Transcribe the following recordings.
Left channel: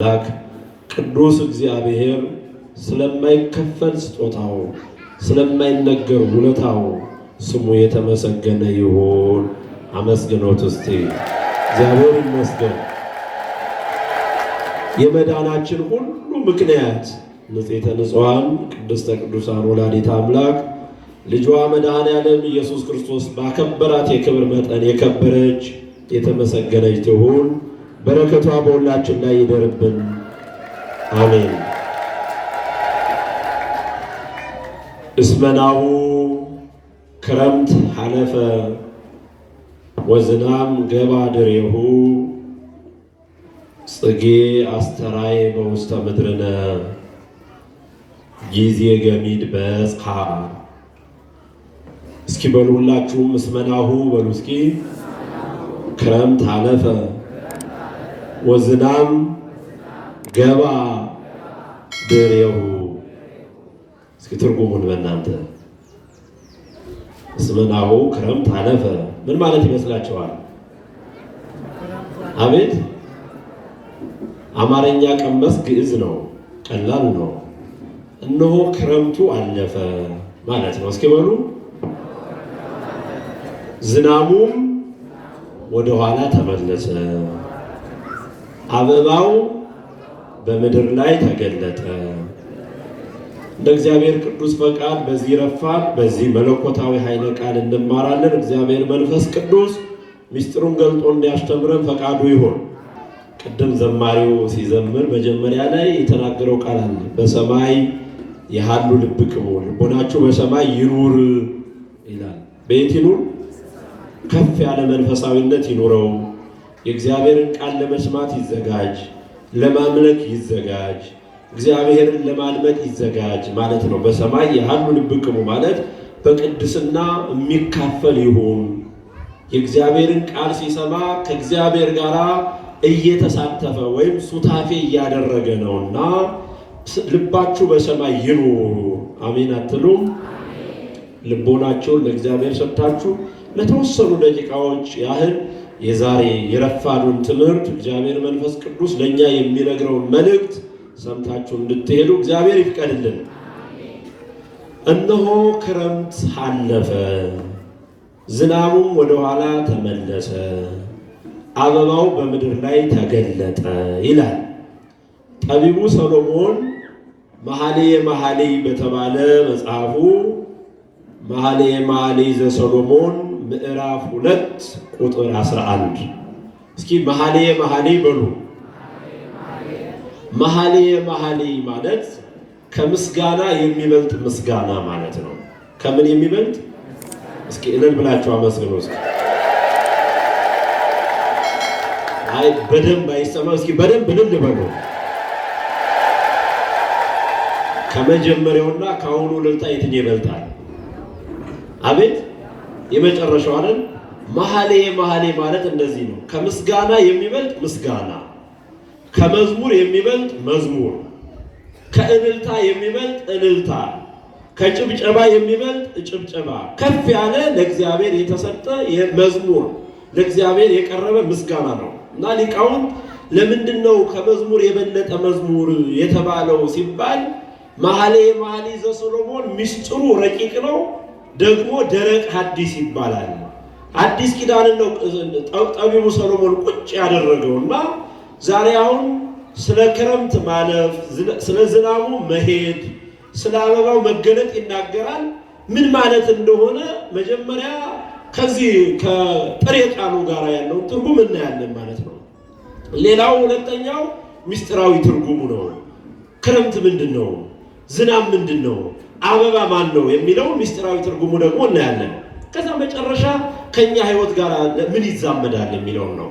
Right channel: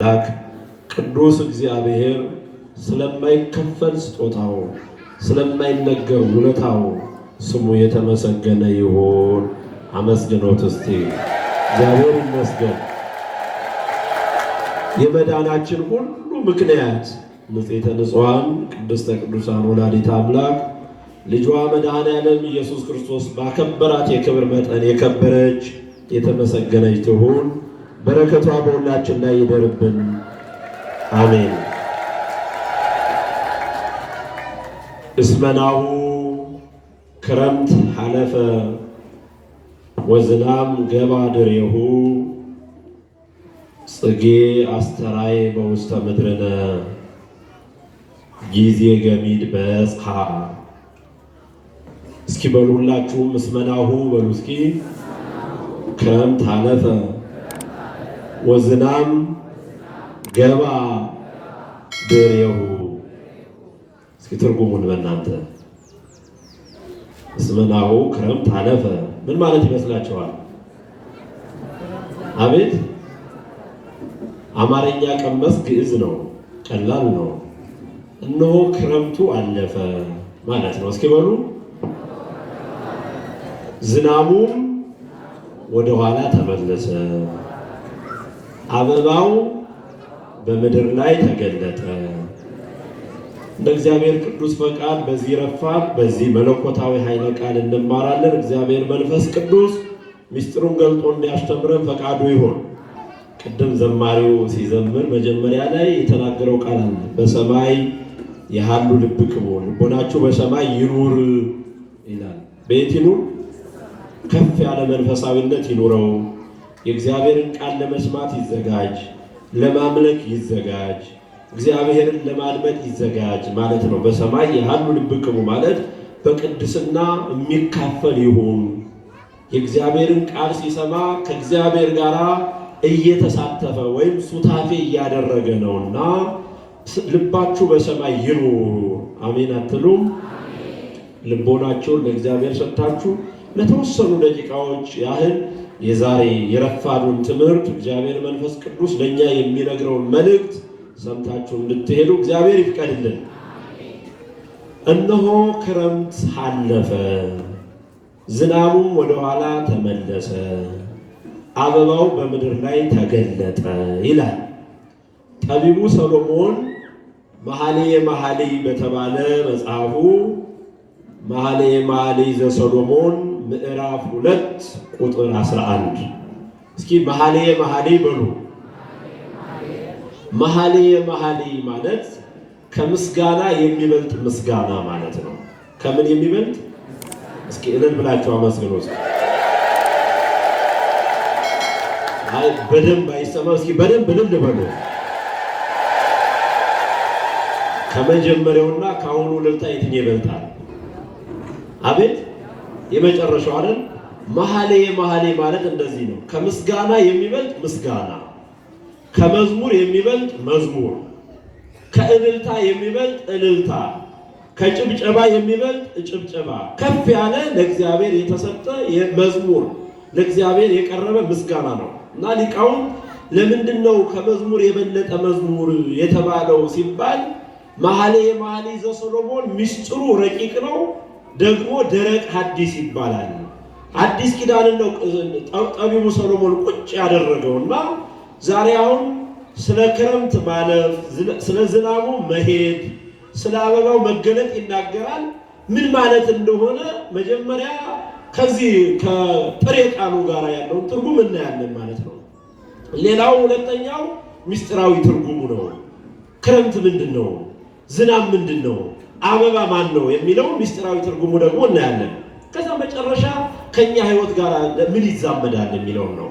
ላክ ቅዱስ እግዚአብሔር ስለማይከፈል ስጦታው ስለማይነገር ውለታው ስሙ የተመሰገነ ይሁን። አመስግኖት እስቲ እግዚአብሔር ይመስገን። የመዳናችን ሁሉ ምክንያት ንጽሕተ ንጹሐን ቅድስተ ቅዱሳን ወላዲተ አምላክ ልጇ መድኃኔዓለም ኢየሱስ ክርስቶስ ባከበራት የክብር መጠን የከበረች የተመሰገነች ትሁን። በረከቷ በሁላችን ላይ ይደርብን፣ አሜን። እስመናሁ ክረምት ሐለፈ ወዝናም ገባ ድሬሁ ጽጌ አስተራይ በውስተ ምድርነ ጊዜ ገሚድ በጽሐ። እስኪ በሉ ሁላችሁም እስመናሁ በሉ እስኪ። ክረምት ሐለፈ ወዝናም ገባ ድሬሁ። እስኪ ትርጉሙን በእናንተ እስመናሁ ክረምት ሐለፈ ምን ማለት ይመስላችኋል? አቤት አማርኛ ቀመስ ግዕዝ ነው፣ ቀላል ነው። እነሆ ክረምቱ አለፈ ማለት ነው። እስኪ በሉ ዝናሙም ወደ ኋላ ተመለሰ፣ አበባው በምድር ላይ ተገለጠ። እንደ እግዚአብሔር ቅዱስ ፈቃድ በዚህ ረፋድ በዚህ መለኮታዊ ኃይለ ቃል እንማራለን። እግዚአብሔር መንፈስ ቅዱስ ምስጢሩን ገልጦ እንዲያስተምረን ፈቃዱ ይሁን። ቅድም ዘማሪው ሲዘምር መጀመሪያ ላይ የተናገረው ቃል አለ። በሰማይ የሃሉ ልብክሙ ልቦናችሁ በሰማይ ይኑር ይላል። በየት ይኑር? ከፍ ያለ መንፈሳዊነት ይኑረው። የእግዚአብሔርን ቃል ለመስማት ይዘጋጅ፣ ለማምለክ ይዘጋጅ፣ እግዚአብሔርን ለማድመጥ ይዘጋጅ ማለት ነው። በሰማይ የሃሉ ልብክሙ ማለት በቅድስና የሚካፈል ይሁን። የእግዚአብሔርን ቃል ሲሰማ ከእግዚአብሔር ጋር እየተሳተፈ ወይም ሱታፌ እያደረገ ነውና ልባችሁ በሰማይ ይኑር። አሜን አትሉም? ልቦናችሁን ለእግዚአብሔር ሰጥታችሁ ለተወሰኑ ደቂቃዎች ያህል የዛሬ የረፋዱን ትምህርት እግዚአብሔር መንፈስ ቅዱስ ለእኛ የሚነግረውን መልእክት ሰምታችሁ እንድትሄዱ እግዚአብሔር ይፍቀድልን። እነሆ ክረምት አለፈ፣ ዝናቡም ወደ ኋላ ተመለሰ፣ አበባው በምድር ላይ ተገለጠ ይላል ጠቢቡ ሰሎሞን መኃልየ መኃልይ በተባለ መጽሐፉ መኃልየ መኃልይ ዘሰሎሞን ምዕራፍ 2 ቁጥር 11። እስኪ መኃልየ መኃልይ በሉ። መኃልየ መኃልይ ማለት ከምስጋና የሚበልጥ ምስጋና ማለት ነው። ከምን የሚበልጥ? እስኪ እልል ብላችሁ አመስግኑ። እስኪ አይ በደንብ አይሰማም። እስኪ በደንብ እልል በሉ። ከመጀመሪያውና ከአሁኑ እልልታ የትኛው ይበልጣል? አቤት የመጨረሻው አይደል? መኃልየ መኃልይ ማለት እንደዚህ ነው። ከምስጋና የሚበልጥ ምስጋና፣ ከመዝሙር የሚበልጥ መዝሙር፣ ከእልልታ የሚበልጥ እልልታ፣ ከጭብጨባ የሚበልጥ ጭብጨባ፣ ከፍ ያለ ለእግዚአብሔር የተሰጠ መዝሙር፣ ለእግዚአብሔር የቀረበ ምስጋና ነው። እና ሊቃውንት ለምንድን ነው ከመዝሙር የበለጠ መዝሙር የተባለው ሲባል መኃልየ መኃልይ ዘሰሎሞን ምስጢሩ ረቂቅ ነው፣ ደግሞ ደረቅ ሐዲስ ይባላል። አዲስ ኪዳንን ነው ጠቢቡ ሰሎሞን ቁጭ ያደረገውና ዛሬ አሁን ስለ ክረምት ማለፍ፣ ስለ ዝናቡ መሄድ፣ ስለ አበባው መገለጥ ይናገራል። ምን ማለት እንደሆነ መጀመሪያ ከዚህ ከጥሬ ቃሉ ጋር ያለውን ትርጉም እናያለን ማለት ነው። ሌላው ሁለተኛው ምስጢራዊ ትርጉሙ ነው። ክረምት ምንድን ነው? ዝናብ ምንድን ነው? አበባ ማን ነው የሚለው ምስጢራዊ ትርጉሙ ደግሞ እናያለን። ከዛ መጨረሻ ከኛ ሕይወት ጋር ምን ይዛመዳል የሚለው ነው።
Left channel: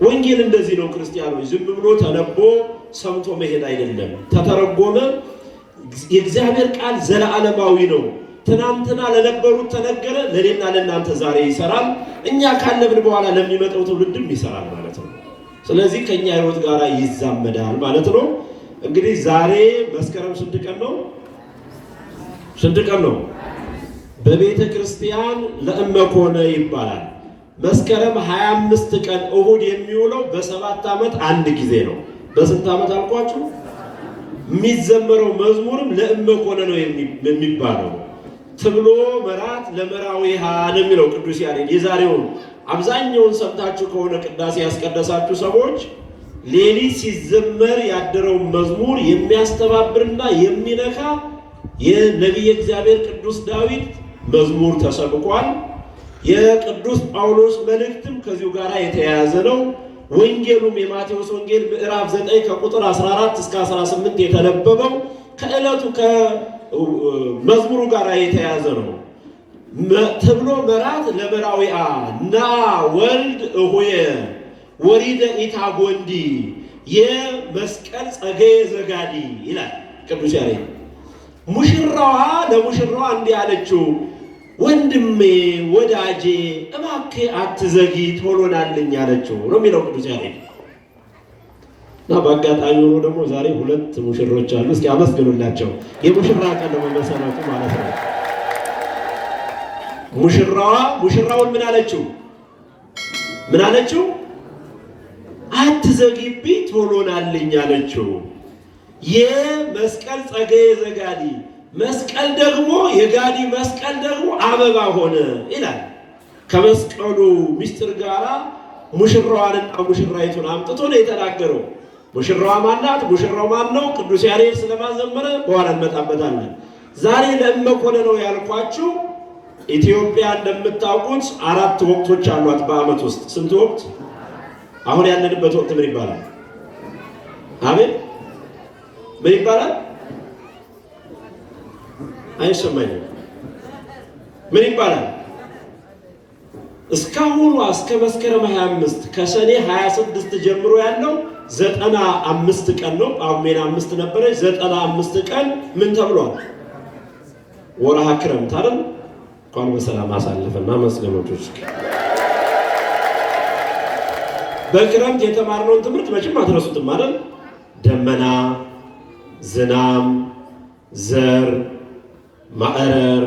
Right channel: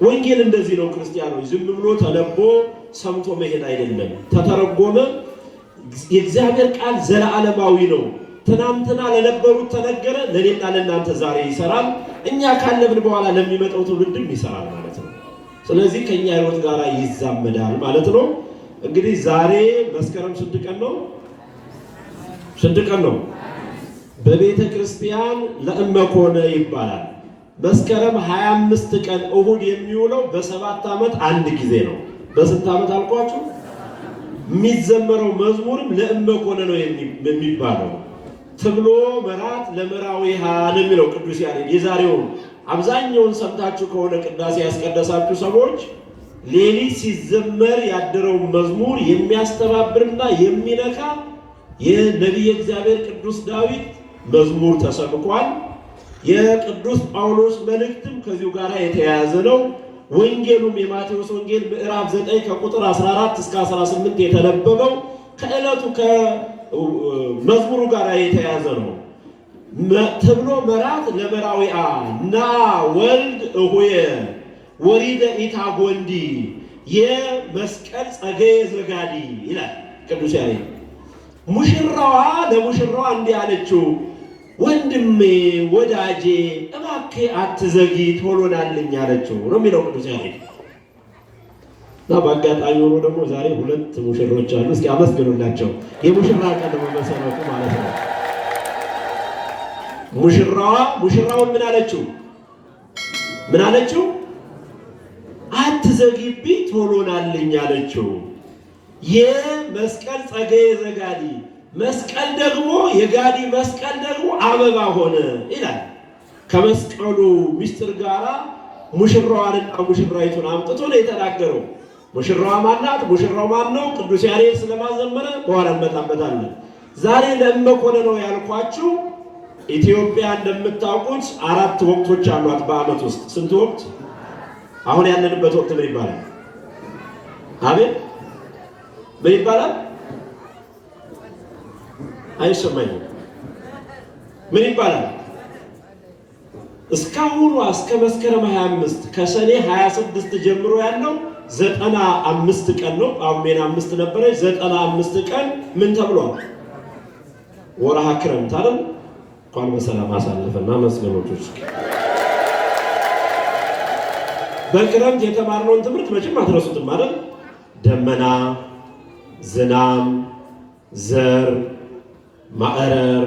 ወንጌል እንደዚህ ነው ክርስቲያኖች፣ ዝም ብሎ ተነቦ ሰምቶ መሄድ አይደለም። ተተረጎመ። የእግዚአብሔር ቃል ዘለዓለማዊ ነው። ትናንትና ለነበሩት ተነገረ፣ ለኔና ለእናንተ ዛሬ ይሰራል። እኛ ካለብን በኋላ ለሚመጣው ትውልድም ይሰራል ማለት ነው። ስለዚህ ከኛ ሕይወት ጋር ይዛመዳል ማለት ነው። እንግዲህ ዛሬ መስከረም ስንት ቀን ነው? ስንት ቀን ነው? በቤተ ክርስቲያን ለእመኮነ ይባላል። መስከረም 25 ቀን እሁድ የሚውለው በ7 ዓመት አንድ ጊዜ ነው። በስንት ዓመት አልኳችሁ? የሚዘመረው መዝሙርም ለእመኮነ ነው የሚባለው። ትብሎ መራት ለመራዊሃ ነው የሚለው ቅዱስ ያሬድ። የዛሬውን አብዛኛውን ሰምታችሁ ከሆነ ቅዳሴ ያስቀደሳችሁ ሰዎች ሌሊት ሲዘመር ያደረው መዝሙር የሚያስተባብርና የሚነካ የነቢየ እግዚአብሔር ቅዱስ ዳዊት መዝሙር ተሰብኳል። የቅዱስ ጳውሎስ መልእክትም ከዚሁ ጋር የተያያዘ ነው። ወንጌሉም የማቴዎስ ወንጌል ምዕራፍ 9 ከቁጥር 14 እስከ 18 የተነበበው ከዕለቱ ከመዝሙሩ ጋር የተያያዘ ነው። ትብሎ መራት ለመራዊአ ና ወልድ እሁየ ወሪደ ኢታጎንዲ የመስቀል ጸገየ ዘጋዲ ይላል ቅዱስ ያሬድ። ሙሽራዋ ለሙሽራዋ እንዲህ አለችው፣ ወንድሜ ወዳጄ እባክህ አትዘጊ ቶሎናልኝ አለችው ነው የሚለው ቅዱስ ያሬድ። እና በአጋጣሚ ሆኖ ደግሞ ዛሬ ሁለት ሙሽሮች አሉ። እስኪ አመስግኑላቸው። የሙሽራ ቀን ነው መሰረቱ ማለት ነው። ሙሽራውን ምን አለችው? ምን አለችው? አትዘጊብኝ ቶሎናልኝ አለችው። የመስቀል ጸገየ ዘጋዲ መስቀል ደግሞ የጋዲ መስቀል ደግሞ አበባ ሆነ ይላል። ከመስቀሉ ምስጢር ጋራ ሙሽራዋንና ሙሽራይቱን አምጥቶ ነው የተናገረው። ሙሽራዋ ማናት? ሙሽራው ማን ነው? ቅዱስ ያሬድ ስለማዘመረ በኋላ እንመጣበታለን። ዛሬ ለእመኮነ ነው ያልኳችሁ። ኢትዮጵያ እንደምታውቁት 4 ወቅቶች አሏት በዓመት ውስጥ። ስንት ወቅት? አሁን ያለንበት ወቅት ምን ይባላል? አቤት ምን ይባላል? አይሰማኝም። ምን ይባላል? እስካሁኑ እስከ መስከረም 25 ከሰኔ 26 ጀምሮ ያለው 95 ቀን ነው። ጳጉሜን 5 ነበረች። 95 ቀን ምን ተብሏል? ወርሃ ክረምት አይደል? እንኳን በሰላም አሳለፈና መስገኖች። በክረምት የተማርነውን ትምህርት መቼም አትረሱትም አይደል? ደመና፣ ዝናም፣ ዘር፣ ማዕረር፣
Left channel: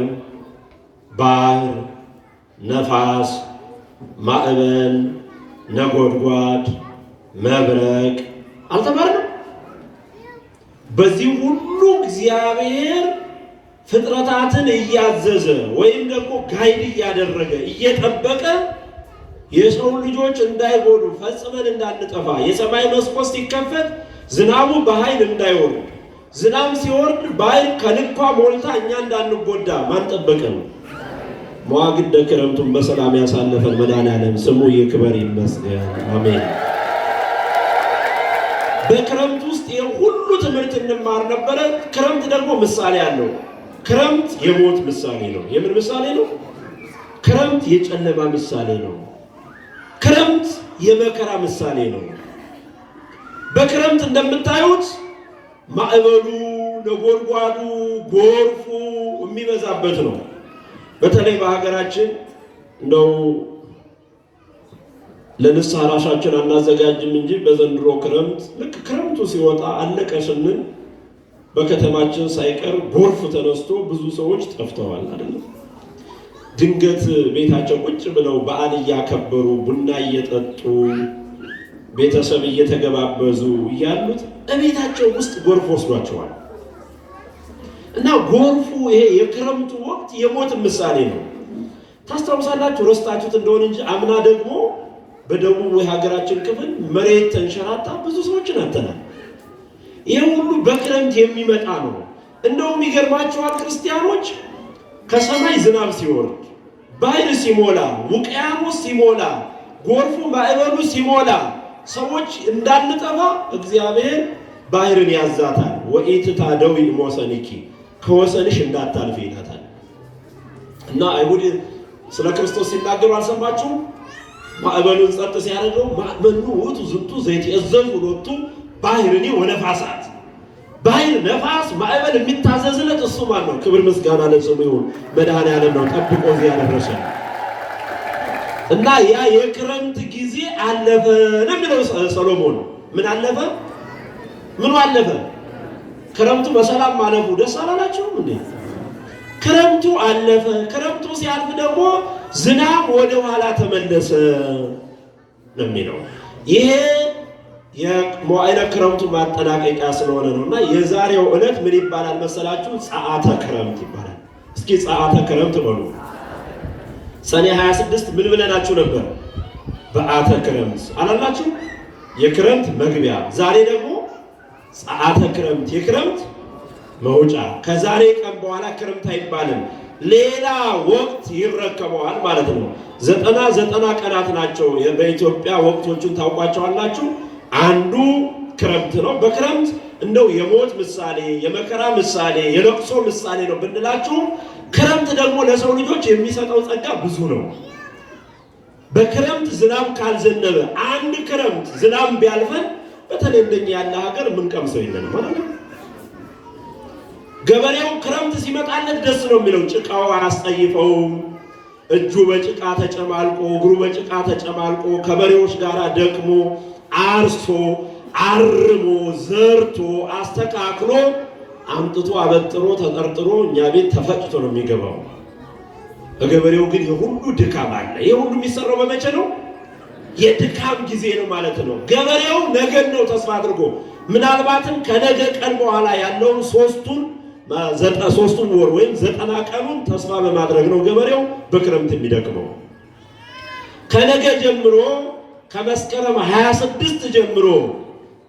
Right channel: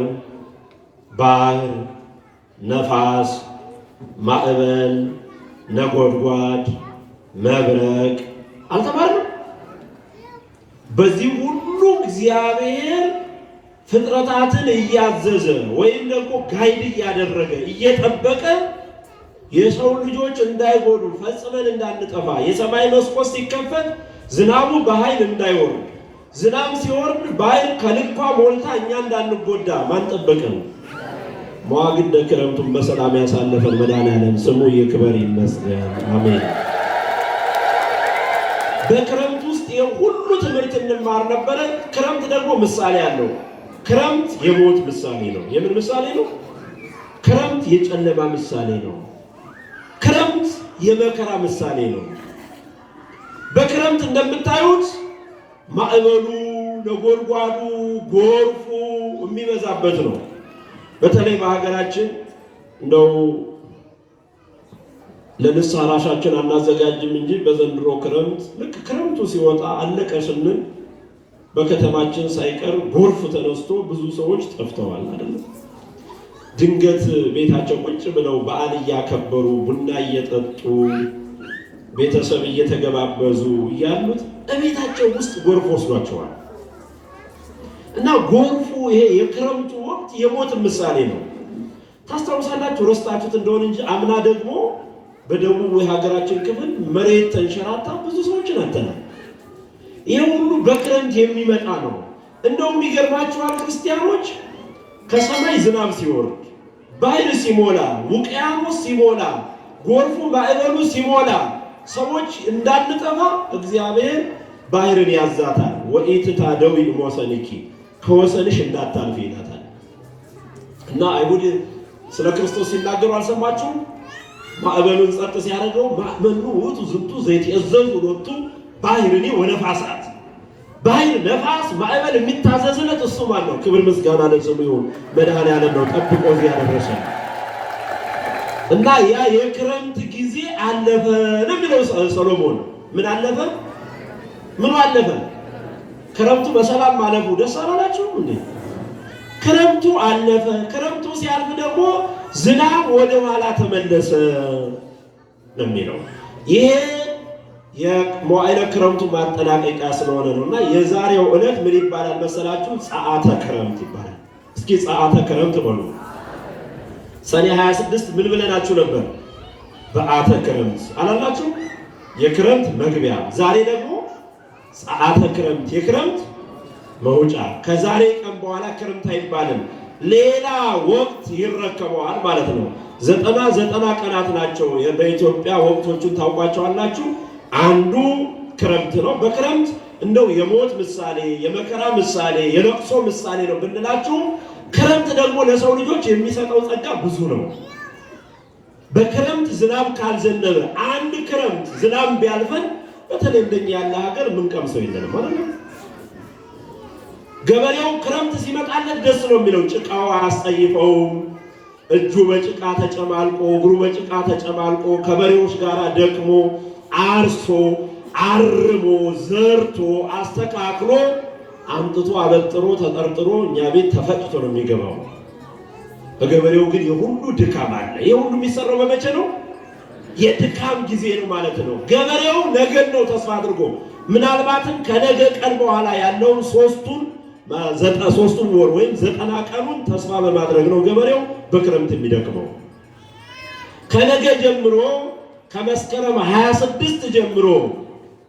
ባህር፣ ነፋስ፣ ማዕበል፣ ነጎድጓድ፣ መብረቅ አልተማርንም? በዚህ ሁሉ እግዚአብሔር ፍጥረታትን እያዘዘ ወይም ደግሞ ጋይድ እያደረገ እየጠበቀ የሰው ልጆች እንዳይጎዱ ፈጽመን እንዳንጠፋ የሰማይ መስኮት ሲከፈት ዝናቡ በኃይል እንዳይወርድ ዝናብ ሲወርድ በኃይል ከልኳ ሞልታ እኛ እንዳንጎዳ ማን ጠበቀን? መዋግደ ክረምቱን በሰላም ያሳለፈን መድኃኔዓለም ስሙ ይክበር ይመስገን። አሜን። በክረምት ውስጥ የሁሉ ትምህርት እንማር ነበረ። ክረምት ደግሞ ምሳሌ አለው። ክረምት የሞት ምሳሌ ነው። የምን ምሳሌ ነው? ክረምት የጨለማ ምሳሌ ነው። ክረምት የመከራ ምሳሌ ነው። በክረምት እንደምታዩት ማዕበሉ፣ ነጎድጓዱ፣ ጎርፉ የሚበዛበት ነው። በተለይ በሀገራችን እንደው ለንስሐ ራሳችን አናዘጋጅም እንጂ በዘንድሮ ክረምት ልክ ክረምቱ ሲወጣ አለቀ ስንል በከተማችን ሳይቀር ጎርፍ ተነስቶ ብዙ ሰዎች ጠፍተዋል አይደል? ድንገት ቤታቸው ቁጭ ብለው በዓል እያከበሩ ቡና እየጠጡ ቤተሰብ እየተገባበዙ እያሉት እቤታቸው ውስጥ ጎርፍ ወስዷቸዋል። እና ጎርፉ ይሄ የክረምቱ ወቅት የሞት ምሳሌ ነው። ታስታውሳላችሁ? ረስታችሁት እንደሆነ እንጂ አምና ደግሞ በደቡብ የሀገራችን ክፍል መሬት ተንሸራታ ብዙ ሰዎችን አጥተናል። ይሄ ሁሉ በክረምት የሚመጣ ነው። እንደውም ይገርማችኋል ክርስቲያኖች፣ ከሰማይ ዝናብ ሲወርድ፣ ባህር ሲሞላ፣ ውቅያኖስ ሲሞላ፣ ጎርፉ ማዕበሉ ሲሞላ ሰዎች እንዳንጠፋ እግዚአብሔር ባህርን ያዛታል። ወኢትታደዊ እምወሰንኪ ከወሰንሽ እንዳታልፊ ይላታል። እና አይሁድ ስለ ክርስቶስ ሲናገሩ አልሰማችሁም? ማዕበሉን ጸጥ ሲያደርገው ማዕበሉ ውእቱ ዝንቱ ዘይትእዘዙ ሎቱ ባህርኒ ወነፋሳት። ባህር፣ ነፋስ፣ ማዕበል የሚታዘዝለት እሱ ማን ነው? ክብር ምስጋና ለስሙ ይሁን። መድኃኔዓለም ነው ጠብቆ ያደረሰን። እና ያ የክረምት ጊዜ አለፈ ነው የሚለው ሰሎሞን። ምን አለፈ? ምን አለፈ? ክረምቱ በሰላም ማለፉ ደስ አላላችሁም እንዴ? ክረምቱ አለፈ። ክረምቱ ሲያልፍ ደግሞ ዝናብ ወደ ኋላ ተመለሰ ነው የሚለው። ይሄ የመዋዕለ ክረምቱ ማጠናቀቂያ ስለሆነ ነውና የዛሬው ዕለት ምን ይባላል መሰላችሁ? ጸአተ ክረምት ይባላል። እስኪ ጸአተ ክረምት በሉ። ሰኔ 26 ምን ብለናችሁ ነበር? በዓተ ክረምት አላላችሁ? የክረምት መግቢያ። ዛሬ ደግሞ ጸአተ ክረምት፣ የክረምት መውጫ። ከዛሬ ቀን በኋላ ክረምት አይባልም፣ ሌላ ወቅት ይረከበዋል ማለት ነው። 90 ቀናት ናቸው በኢትዮጵያ። ወቅቶቹን ታውቋቸዋላችሁ። አንዱ ክረምት ነው። በክረምት እንደው የሞት ምሳሌ፣ የመከራ ምሳሌ፣ የለቅሶ ምሳሌ ነው ብንላችሁ፣ ክረምት ደግሞ ለሰው ልጆች የሚሰጠው ጸጋ ብዙ ነው። በክረምት ዝናብ ካልዘነበ አንድ ክረምት ዝናብ ቢያልፈን በተለይ እንደኛ ያለ ሀገር የምንቀምሰው የለንም ማለት ነው። ገበሬው ክረምት ሲመጣለት ደስ ነው የሚለው። ጭቃው አያስጠይፈውም። እጁ በጭቃ ተጨማልቆ እግሩ በጭቃ ተጨማልቆ ከበሬዎች ጋር ደክሞ አርሶ አርሞ ዘርቶ አስተካክሎ አምጥቶ አበጥሮ ተጠርጥሮ እኛ ቤት ተፈጭቶ ነው የሚገባው። በገበሬው ግን የሁሉ ድካም አለ። የሁሉ የሚሰራው በመቼ ነው? የድካም ጊዜ ነው ማለት ነው። ገበሬው ነገን ነው ተስፋ አድርጎ ምናልባትም ከነገ ቀን በኋላ ያለውን ሶስቱን ወር ወይም 90 ቀኑን ተስፋ በማድረግ ነው ገበሬው በክረምት የሚደክመው። ከነገ ጀምሮ ከመስከረም 26 ጀምሮ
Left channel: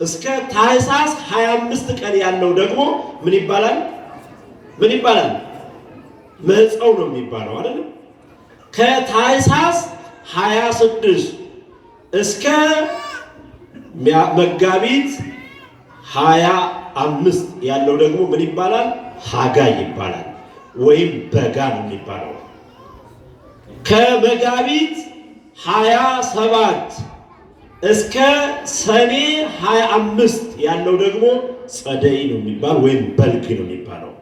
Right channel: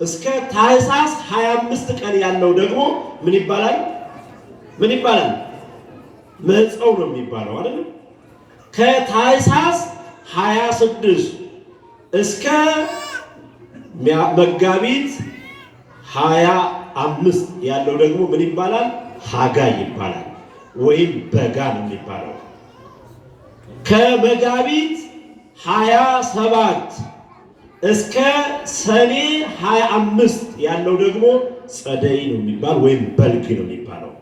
እስከ ታኅሳስ 25 ቀን ያለው ደግሞ ምን ይባላል? ምን ይባላል? መጸው ነው የሚባለው አይደል? ከታኅሳስ 26 እስከ መጋቢት 25 ያለው ደግሞ ምን ይባላል? ሐጋይ ይባላል ወይም በጋ ነው የሚባለው። ከመጋቢት 27 እስከ ሰኔ 25 ያለው ደግሞ ጸደይ ነው የሚባል ወይም በልግ ነው የሚባለው።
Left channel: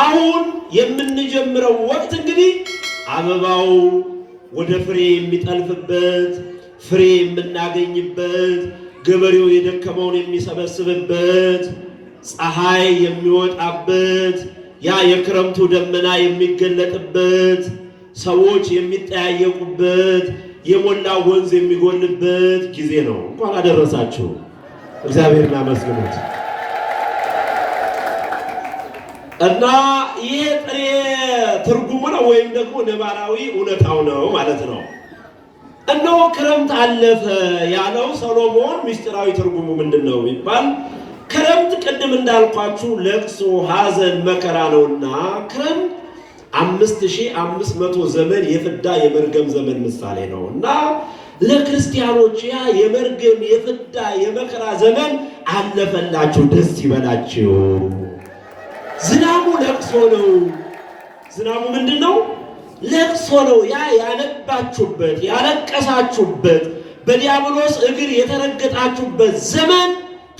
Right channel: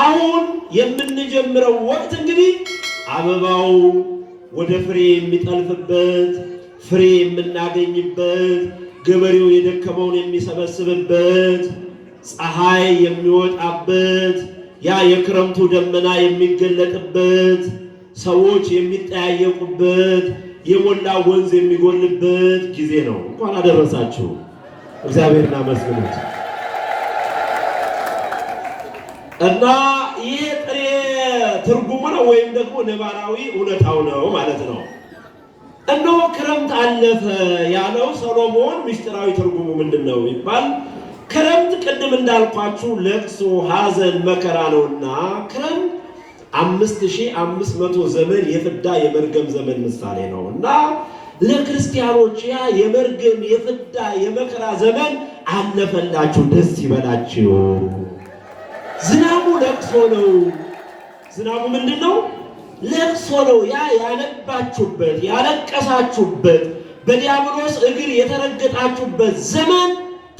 አሁን የምንጀምረው ወቅት እንግዲህ አበባው ወደ ፍሬ የሚጠልፍበት፣ ፍሬ የምናገኝበት፣ ገበሬው የደከመውን የሚሰበስብበት፣ ፀሐይ የሚወጣበት፣ ያ የክረምቱ ደመና የሚገለጥበት፣ ሰዎች የሚጠያየቁበት፣ የሞላ ወንዝ የሚጎልበት ጊዜ ነው። እንኳን አደረሳችሁ። እግዚአብሔርን አመስግኑት። እና ይህ ጥሬ ትርጉሙ ነው ወይም ደግሞ ነባራዊ እውነታው ነው ማለት ነው። እነሆ ክረምት አለፈ ያለው ሰሎሞን ምስጢራዊ ትርጉሙ ምንድን ነው ይባል? ክረምት ቅድም እንዳልኳችሁ ለቅሶ፣ ሐዘን፣ መከራ ነውና ክረምት 5500 ዘመን የፍዳ የመርገም ዘመን ምሳሌ ነው እና ለክርስቲያኖች ያ የመርገም የፍዳ የመከራ ዘመን አለፈላችሁ፣ ደስ ይበላችሁ። ዝናቡ ለቅሶ ነው። ዝናቡ ምንድን ነው? ለቅሶ ነው። ያ ያነባችሁበት ያለቀሳችሁበት በዲያብሎስ እግር የተረገጣችሁበት ዘመን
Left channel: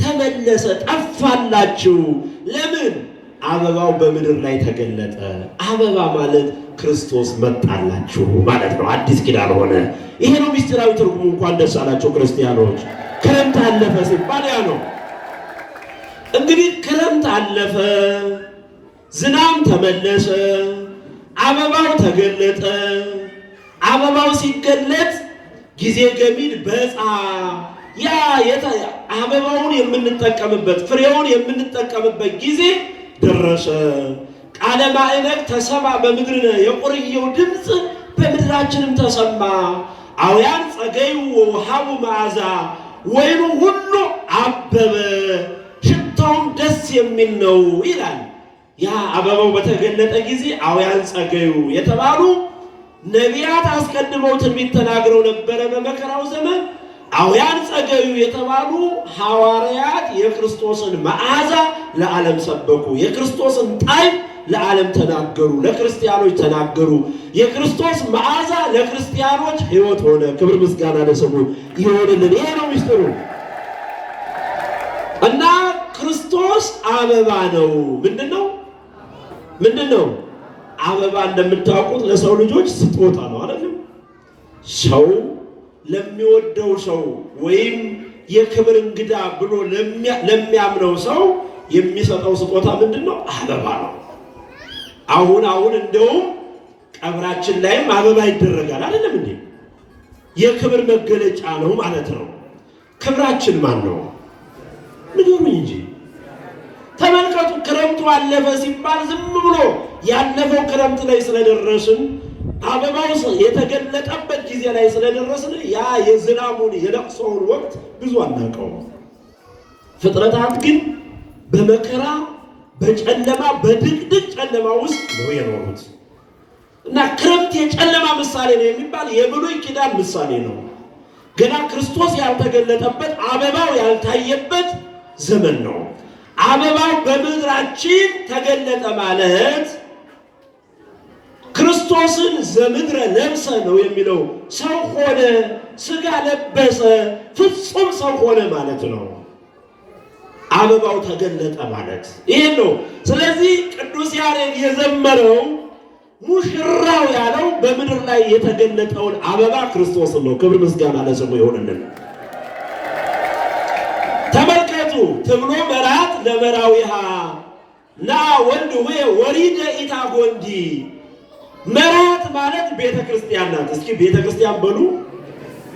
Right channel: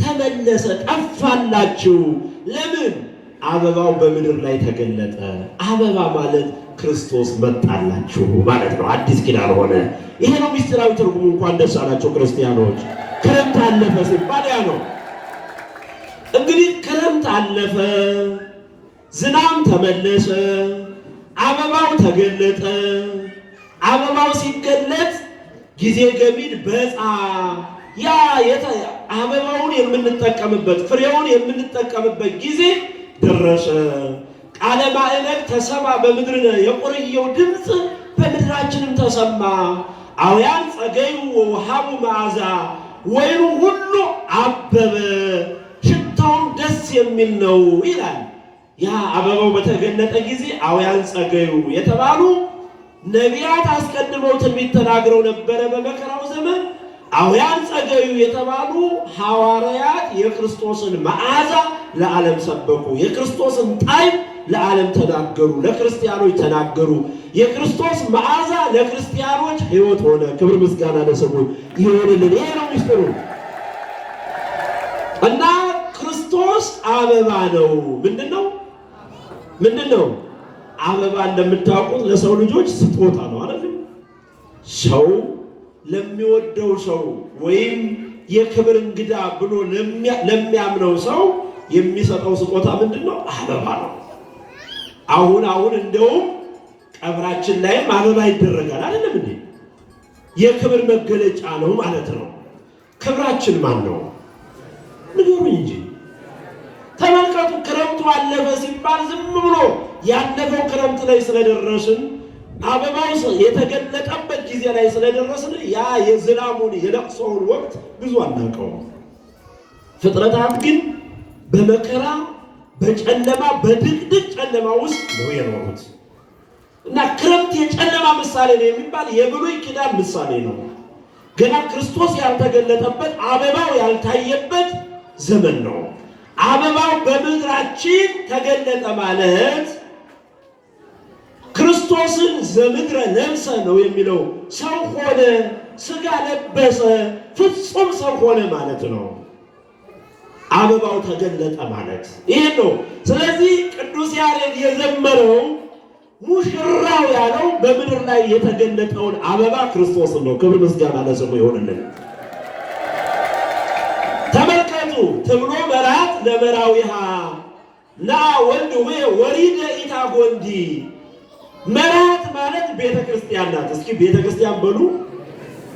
ተመለሰ፣ ጠፋላችሁ። ለምን? አበባው በምድር ላይ ተገለጠ። አበባ ማለት ክርስቶስ መጣላችሁ ማለት ነው። አዲስ ኪዳን ሆነ። ይሄ ነው ምስጢራዊ ትርጉሙ። እንኳን ደስ አላችሁ ክርስቲያኖች። ክረምት አለፈ ሲባል ያ ነው እንግዲህ። ክረምት አለፈ፣ ዝናብ ተመለሰ፣ አበባው ተገለጠ። አበባው ሲገለጥ ጊዜ ገሚድ በፃ ያ አበባውን የምንጠቀምበት ፍሬውን የምንጠቀምበት ጊዜ ደረሰ። ቃለ ማዕበል ተሰማ በምድር የቆርየው ድምፅ በምድራችንም ተሰማ። አውያን ጸገዩ ወውሃቡ መዓዛ ወይኑ ሁሉ አበበ፣ ሽታውም ደስ የሚል ነው ይላል። ያ አበባው በተገለጠ ጊዜ አውያን ጸገዩ የተባሉ ነቢያት አስቀድመው ትንቢት ተናግረው ነበረ በመከራው ዘመን። አውያን ጸገዩ የተባሉ ሐዋርያት የክርስቶስን መዓዛ ለዓለም ሰበኩ። የክርስቶስን ጣዕም ለዓለም ተናገሩ፣ ለክርስቲያኖች ተናገሩ። የክርስቶስ መዓዛ ለክርስቲያኖች ሕይወት ሆነ። ክብር ምስጋና ለስሙ ይሆንልን። ይሄ ነው ምስጢሩ እና ክርስቶስ አበባ ነው። ምንድን ነው? ምንድን ነው? አበባ እንደምታውቁት ለሰው ልጆች ስጦታ ነው አይደል? ሰው ለሚወደው ሰው ወይም የክብር እንግዳ ብሎ ለሚያምነው ሰው የሚሰጠው ስጦታ ምንድን ነው? አበባ ነው። አሁን እንደውም ቀብራችን ላይም አበባ ይደረጋል አይደለም እንዴ? የክብር መገለጫ ነው ማለት ነው። ክብራችን ማን ነው? ንገሩኝ እንጂ። ተመልከቱ፣ ክረምቱ አለፈ ሲባል ዝም ብሎ ያለፈው ክረምት ላይ ስለደረስን አበባው የተገለጠበት ጊዜ ላይ ስለደረስን ያ የዝናቡን የለቅሶውን ወቅት ብዙ አናውቀውም። ፍጥረታት ግን በመከራ በጨለማ በድቅድቅ ጨለማ ውስጥ ነው የኖሩት እና ክረምት የጨለማ ምሳሌ ነው የሚባል የብሉይ ኪዳን ምሳሌ ነው። ገና ክርስቶስ ያልተገለጠበት አበባው ያልታየበት ዘመን ነው። አበባው በምድራችን ተገለጠ ማለት ክርስቶስን ዘምድረ ለብሰ ነው የሚለው። ሰው ሆነ፣ ስጋ ለበሰ፣ ፍጹም ሰው ሆነ ማለት ነው። አበባው ተገለጠ ማለት ይሄ ነው። ስለዚህ ቅዱስ ያሬድ የዘመረው ሙሽራው ያለው በምድር ላይ የተገለጠውን አበባ ክርስቶስን ነው። ክብር ምስጋና ለስሙ ይሁንልን። ተመልከቱ፣ ትብሎ መራት ለመራዊሃ ና ወልድ ሆይ ወሪደ ኢታጎንዲ። መራት ማለት ቤተ ክርስቲያን ናት። እስኪ ቤተ ክርስቲያን በሉ።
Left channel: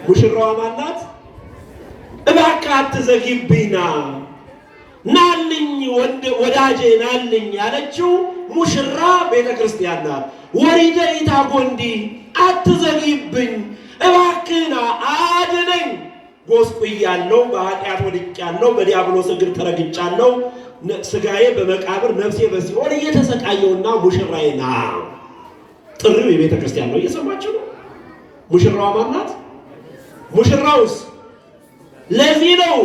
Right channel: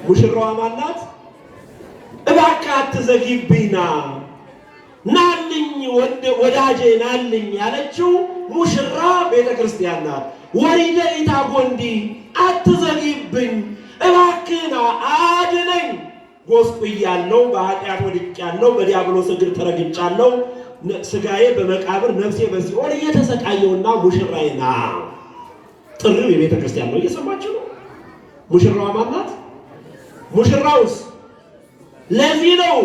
ሙሽራዋ ማናት? እባክህ አትዘግይብኝ ናልኝ ወዳጄ ናልኝ ያለችው ሙሽራ ቤተ ክርስቲያን ናት። ወሪደ ኢታጎንዲ አትዘግይብኝ፣ እባክህና አድነኝ። ጎስቁያለሁ፣ በኃጢአት ወድቄያለሁ፣ በዲያብሎስ እግር ተረግጫለሁ፣ ስጋዬ በመቃብር ነፍሴ በሲኦል እየተሰቃየውና ሙሽራዬ ና። ጥሪው የቤተ ክርስቲያን ነው። እየሰማችሁ ነው። ሙሽራዋ ማናት? ሙሽራውስ? ለዚህ ነው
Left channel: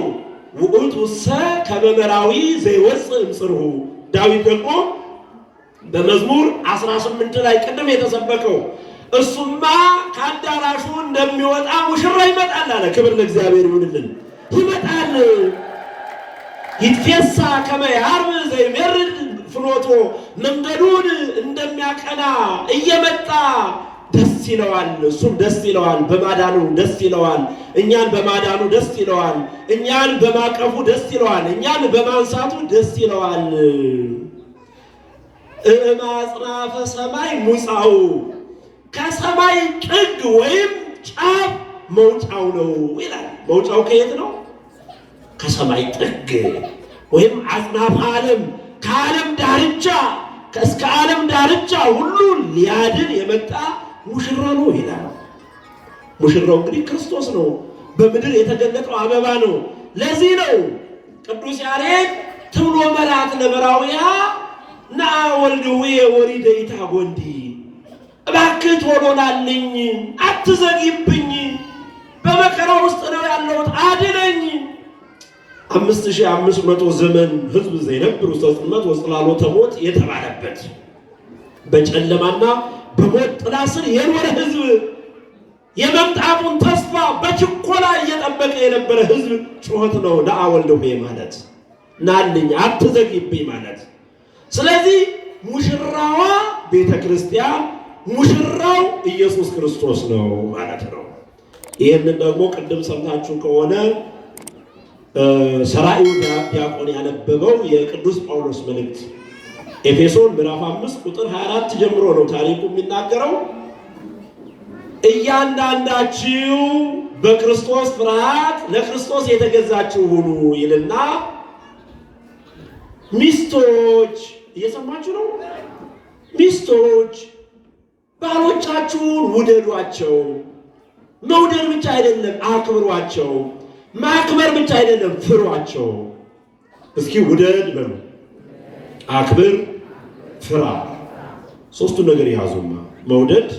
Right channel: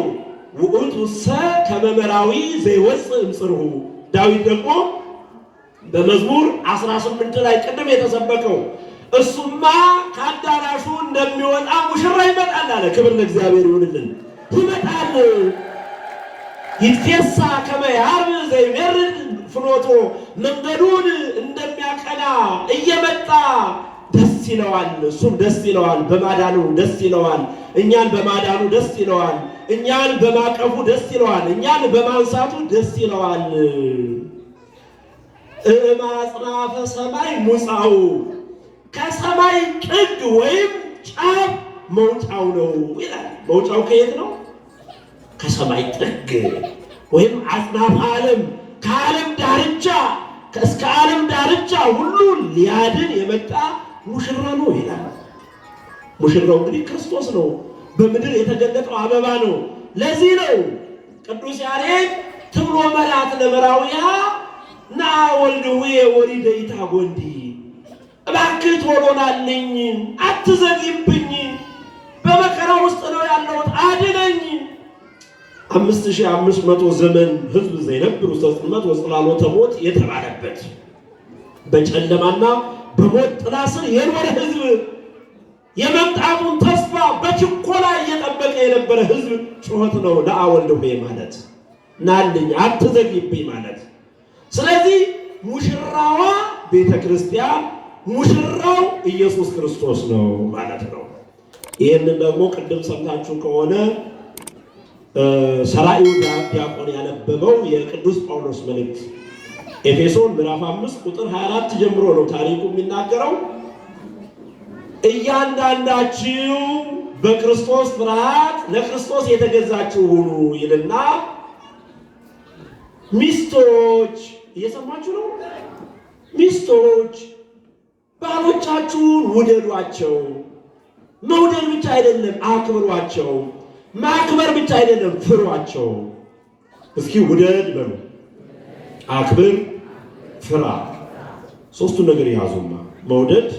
ውእቱሰ ከመመራዊ ዘይወፅእ እምጽርሁ። ዳዊት ደግሞ በመዝሙር 18 ላይ ቅድም የተሰበከው እሱማ ከአዳራሹ እንደሚወጣ ሙሽራ ይመጣል አለ። ክብር ለእግዚአብሔር ይሁንልን። ይመጣል። ይትፌሳ ከመ ያርብ ዘይሜርድ ፍኖቶ፣ መንገዱን እንደሚያቀና እየመጣ ደስ ይለዋል። እሱም ደስ ይለዋል፣ በማዳኑ ደስ ይለዋል። እኛን በማዳኑ ደስ ይለዋል። እኛን በማቀፉ ደስ ይለዋል። እኛን በማንሳቱ ደስ ይለዋል። እማጽናፈ ሰማይ ሙፃው፣ ከሰማይ ጥግ ወይም ጫፍ መውጫው ነው ይላል። መውጫው ከየት ነው? ከሰማይ ጥግ ወይም አጽናፈ ዓለም፣ ከዓለም ዳርቻ እስከ ዓለም ዳርቻ ሁሉ ሊያድን የመጣ ሙሽራ ነው ይላል። ሙሽራው እንግዲህ ክርስቶስ ነው። በምድር የተገለጠው አበባ ነው። ለዚህ ነው ቅዱስ ያሬድ ትብሎ መራት ለመራዊሃ ና ወልድ ሆይ ወሪደ ኢታጎንዲ፣ እባክህ ቶሎ ናልኝ፣ አትዘግይብኝ፣ በመከራ ውስጥ ነው ያለሁት፣ አድነኝ። 5500 ዘመን ህዝብ ዘይነብሩ ጽልመት ወጽላሎተ ሞት የተባለበት በጨለማና በሞት ጥላ ስር የኖረ ህዝብ፣ የመምጣቱን ተስፋ በችኮላ እየጠበቀ የነበረ ህዝብ ጩኸት ነው ና ወልድ ሆይ ማለት፣ ናልኝ አትዘግይብኝ ማለት። ስለዚህ ሙሽራዋ ቤተ ክርስቲያን፣ ሙሽራው ኢየሱስ ክርስቶስ ነው ማለት ነው። ይህንን ደግሞ ቅድም ሰምታችሁ ከሆነ ሰራዩ ዲያቆን ያነበበው የቅዱስ ጳውሎስ መልእክት ኤፌሶን ምዕራፍ 5 ቁጥር 24 ጀምሮ ነው ታሪኩ የሚናገረው። እያንዳንዳችሁ በክርስቶስ ፍርሃት ለክርስቶስ የተገዛችሁ ሁኑ ይልና ሚስቶች፣ እየሰማችሁ ነው? ሚስቶች ባሎቻችሁን ውደዷቸው። መውደድ ብቻ አይደለም፣ አክብሯቸው። ማክበር ብቻ አይደለም፣ ፍሯቸው። እስኪ ውደድ በሉ፣ አክብር፣ ፍራ። ሶስቱን ነገር ያዙማ፣ መውደድ፣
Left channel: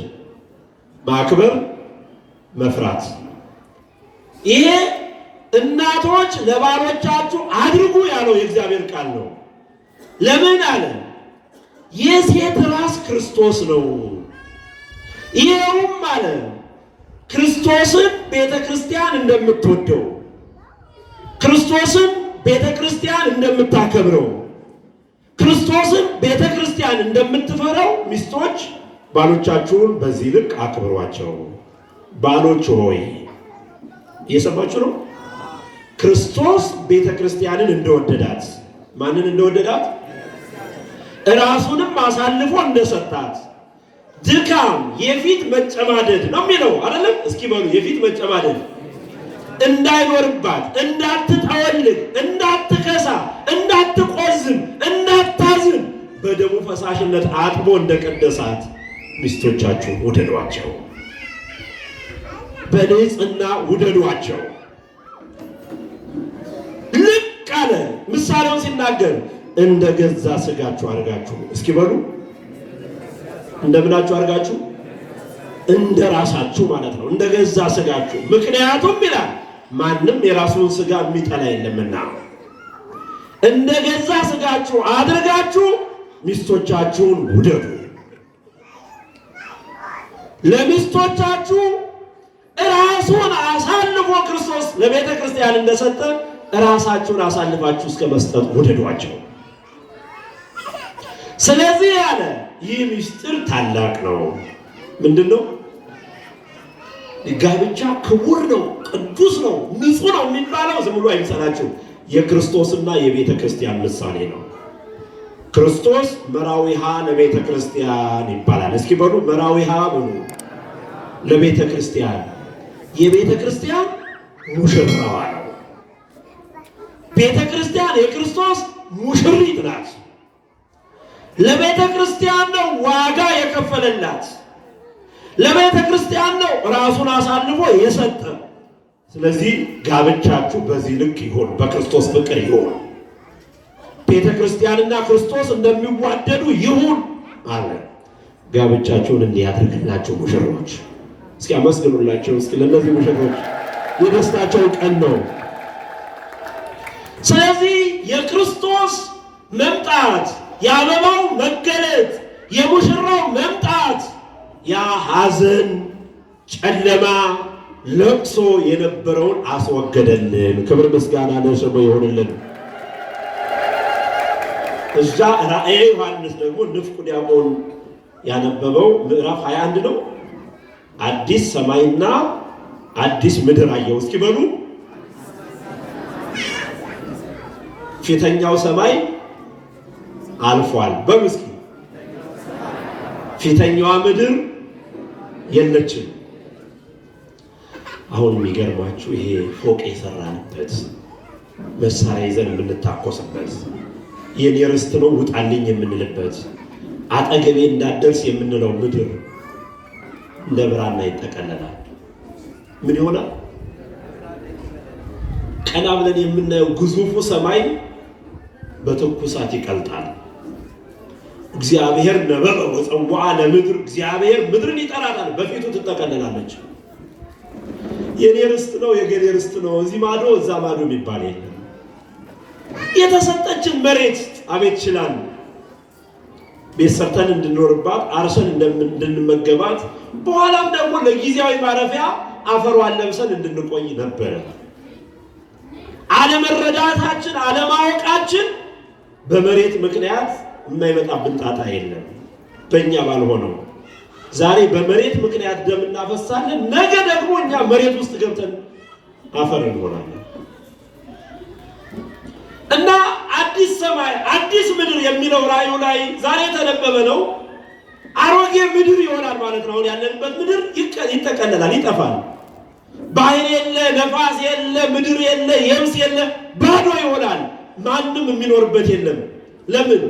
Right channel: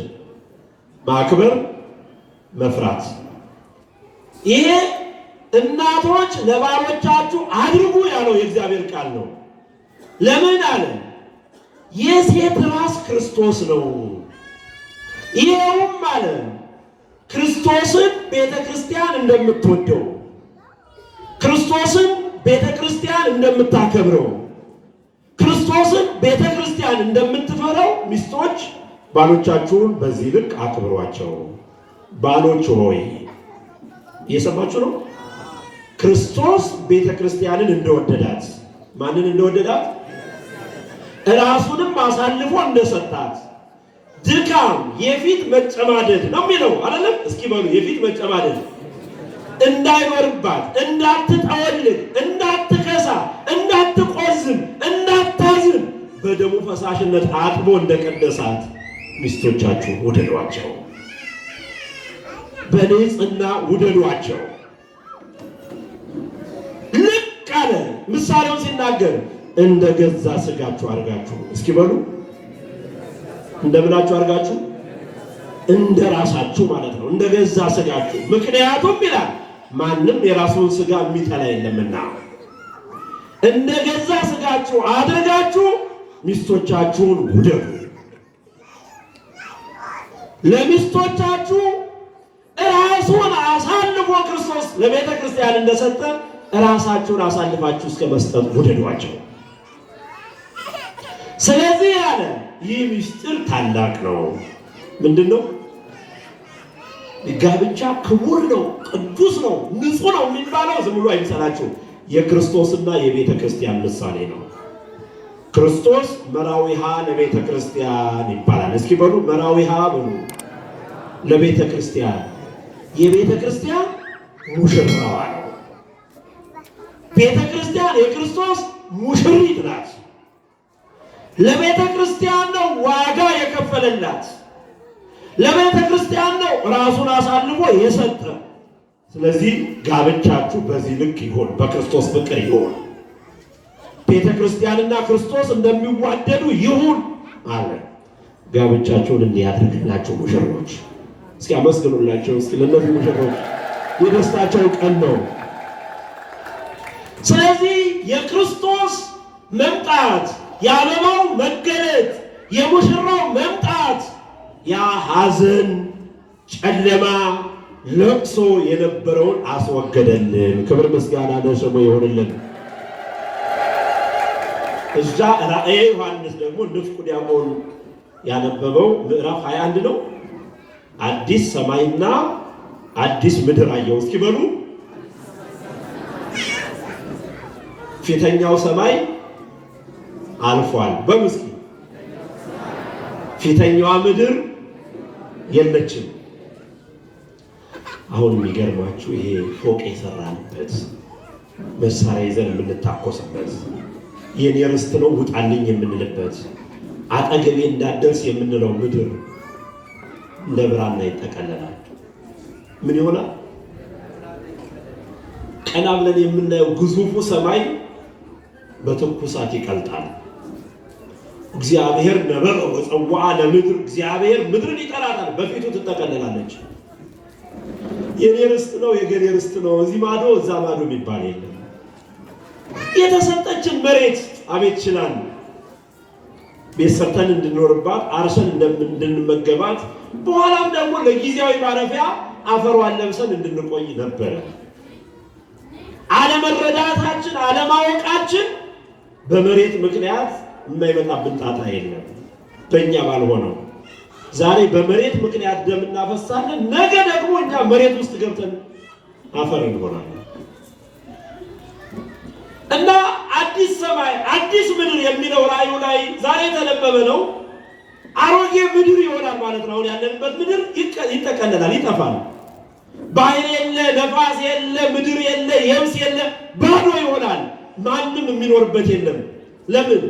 ማክበር፣ መፍራት። ይሄ እናቶች ለባሎቻችሁ አድርጉ ያለው የእግዚአብሔር ቃል ነው። ለምን አለ? የሴት ራስ ክርስቶስ ነው። ይሄውም አለ ክርስቶስን ቤተ ክርስቲያን እንደምትወደው፣ ክርስቶስን ቤተ ክርስቲያን እንደምታከብረው፣ ክርስቶስን ቤተ ክርስቲያን እንደምትፈራው ሚስቶች ባሎቻችሁን በዚህ ልክ አክብሯቸው። ባሎች ሆይ እየሰማችሁ ነው? ክርስቶስ ቤተ ክርስቲያንን እንደወደዳት፣ ማንን እንደወደዳት? ራሱንም አሳልፎ እንደሰጣት። ድካም፣ የፊት መጨማደድ ነው የሚለው አይደለም? እስኪ በሉ የፊት መጨማደድ። እንዳይኖርባት፣ እንዳትጠወልግ፣ እንዳትከሳ፣ እንዳትቆዝም፣ እንዳታዝን በደሙ ፈሳሽነት አጥቦ እንደቀደሳት ሚስቶቻችሁ ውደዷቸው፣ በንጽሕና ውደዷቸው። ልክ አለ ምሳሌውን ሲናገር እንደ ገዛ ሥጋችሁ አድርጋችሁ። እስኪ በሉ እንደምናችሁ አድርጋችሁ? እንደ ራሳችሁ ማለት ነው፣ እንደ ገዛ ሥጋችሁ። ምክንያቱም ይላል ማንም የራሱን ሥጋ የሚጠላ የለምና እንደ ገዛ ሥጋችሁ አድርጋችሁ ሚስቶቻችሁን ውደዱ። ለሚስቶቻችሁ ራሱን አሳልፎ ክርስቶስ ለቤተ ክርስቲያን እንደሰጠ ራሳችሁን አሳልፋችሁ እስከ መስጠት ውደዷቸው። ስለዚህ ያለ ይህ ምስጢር ታላቅ ነው። ምንድን ነው? ጋብቻ ክቡር ነው፣ ቅዱስ ነው፣ ንጹህ ነው የሚባለው ዝም ብሎ አይምሰላችሁ። የክርስቶስና የቤተ ክርስቲያን ምሳሌ ነው። ክርስቶስ መራዊሃ ለቤተ ክርስቲያን ይባላል። እስኪ በሉ መራዊሃ በሉ ለቤተ ክርስቲያን። የቤተ ክርስቲያን ሙሽራዋ ነው። ቤተ ክርስቲያን የክርስቶስ ሙሽሪት ናት። ለቤተ ክርስቲያን ነው ዋጋ የከፈለላት። ለቤተ ክርስቲያን ነው ራሱን አሳልፎ የሰጠ። ስለዚህ ጋብቻችሁ በዚህ ልክ ይሆን፣ በክርስቶስ ፍቅር ይሆን። ቤተ ክርስቲያንና ክርስቶስ እንደሚዋደዱ ይሁን አለ። ጋብቻችሁን እንዲያደርግላቸው ሙሽሮች እስኪ አመስግኑላቸው። እስኪ ለእነዚህ ሙሽሮች የደስታቸው ቀን ነው። ስለዚህ የክርስቶስ መምጣት፣ የአበባው መገለጥ፣ የሙሽራው መምጣት ያ ሐዘን፣ ጨለማ፣ ለቅሶ የነበረውን አስወገደልን። ክብር ምስጋና ለስሙ ይሆንልን። እዛ ራእየ ዮሐንስ ደግሞ ንፍቁ ዲያቆን ያነበበው ምዕራፍ 21 ነው። አዲስ ሰማይና አዲስ ምድር አየሁ። እስኪ በሉ ፊተኛው ሰማይ አልፏል። በሉ እስኪ ፊተኛዋ ምድር የለችም። አሁን የሚገርማችሁ ይሄ ፎቅ የሰራንበት መሳሪያ ይዘን የምንታኮስበት የኔ ርስት ነው ውጣልኝ የምንልበት አጠገቤ እንዳደርስ የምንለው ምድር እንደ ብራና ይጠቀለላል። ምን ይሆናል? ቀና ብለን የምናየው ግዙፉ ሰማይ በትኩሳት ይቀልጣል። እግዚአብሔር ነበረ ወፀዋ ለምድር፣ እግዚአብሔር ምድርን ይጠራታል፣ በፊቱ ትጠቀለላለች። የኔ ርስት ነው የገሌ ርስት ነው እዚህ ማዶ እዛ ማዶ የሚባል የለም። የተሰጠችን መሬት አቤት ይችላል ቤት ሰርተን እንድንኖርባት አርሰን እንድንመገባት በኋላም ደግሞ ለጊዜያዊ ማረፊያ አፈሯን ለብሰን እንድንቆይ ነበረ። አለመረዳታችን አለማወቃችን በመሬት ምክንያት የማይመጣብን ጣጣ የለም። በእኛ ባልሆነው ዛሬ በመሬት ምክንያት ደም እናፈሳለን፣ ነገ ደግሞ እኛ መሬት ውስጥ ገብተን አፈር እንሆናለን። እና አዲስ ሰማይ አዲስ ምድር የሚለው ራእዩ ላይ ዛሬ የተነበበ ነው። አሮጌ ምድር ይሆናል ማለት ነው። አሁን ያለንበት ምድር ይጠቀለላል፣ ይጠፋል። ባህር የለ፣ ነፋስ የለ፣ ምድር የለ፣ የብስ የለ፣ ባዶ ይሆናል። ማንም የሚኖርበት የለም። ለምን?